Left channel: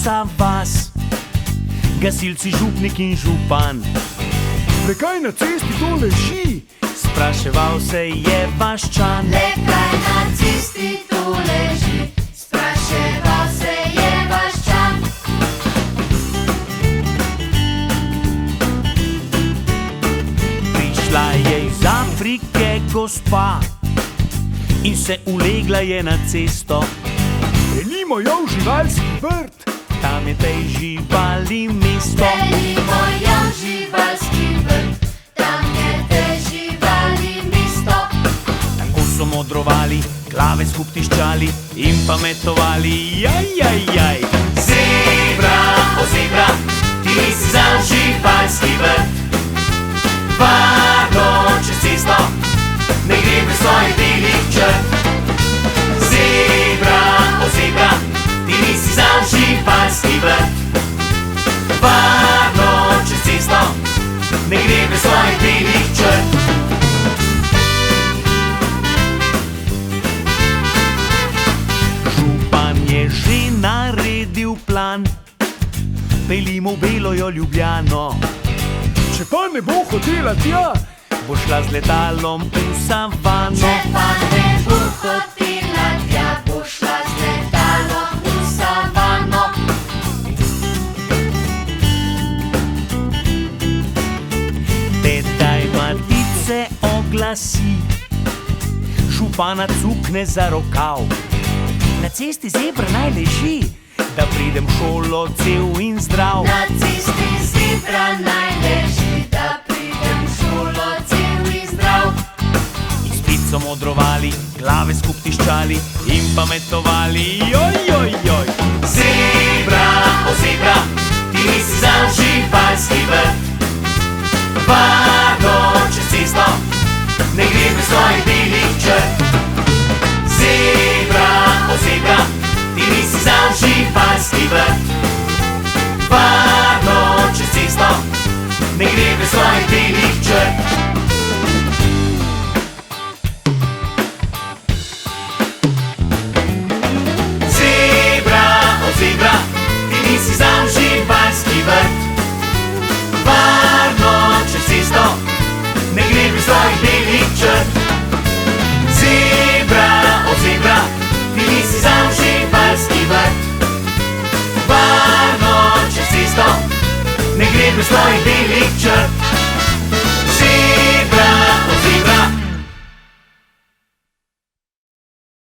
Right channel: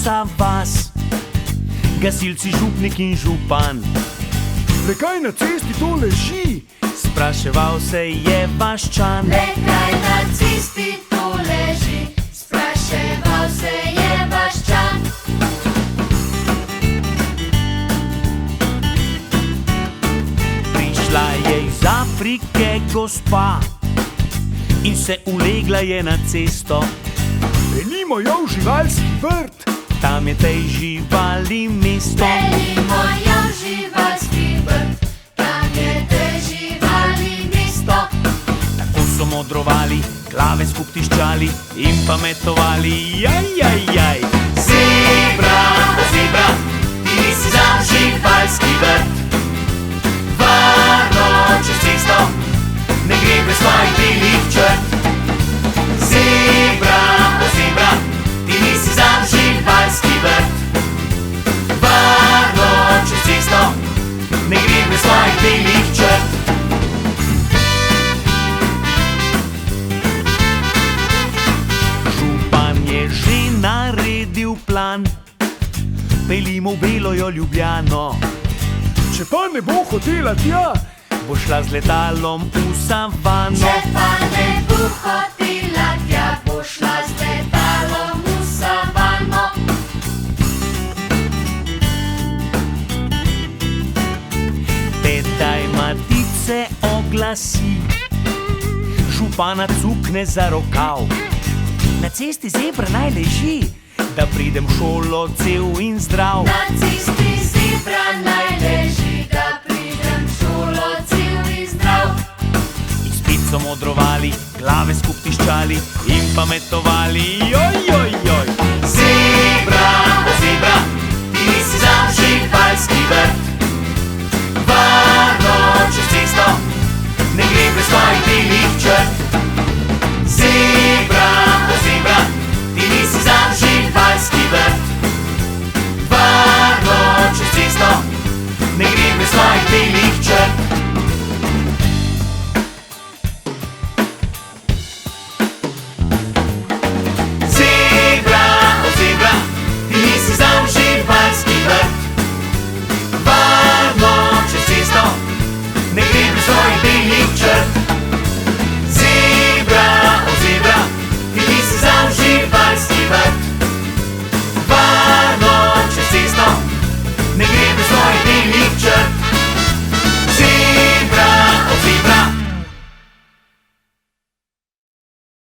vsa vas, gasilci, župnik in župan. Le kaj na cesti to leži? Spraševal se je vaščan. Le kaj na cesti to leži? Spraševal se je vaščan. Prišla je iz Afrike gospa in se ulegla je na cesto. Pelimo jo v živalski vrt. Tam je tej živali mesto. Pelimo jo v živalski vrt. Tam je tej živali mesto. Tako so modrovali, glave skup tiščali in pametovali. Jaj. Zebra, o zebra, ti nisi za živalski vrt. Varno čez cesto, ne gre brez svojih belih črt. Zebra, o zebra, ti nisi za živalski vrt. Varno čez cesto, ne gre brez svojih belih črt. Župan je že naredil plan, peljimo v Belojo Ljubljano. Če pa ne bo hotela tja, Bo šla z letalom v savano. Če pa ne bo hotela tja, bo šla z letalom v savano. Tedaj matice oglasi, župana cukne za rokav. Na cesti zebra naj leži, da pridem v šolo cel in zdrav. Na cesti zebra naj leži, da pridem v šolo cel in zdrav. In spet so modrovali, glave skup tiščali in pametovali. Joj. Zebra, o zebra, ti nisi za živalski vrt. Varno čez cesto, ne gre brez svojih belih črt. Zebra, o zebra, ti nisi za živalski vrt. Varno čez cesto, ne gre brez svojih belih črt.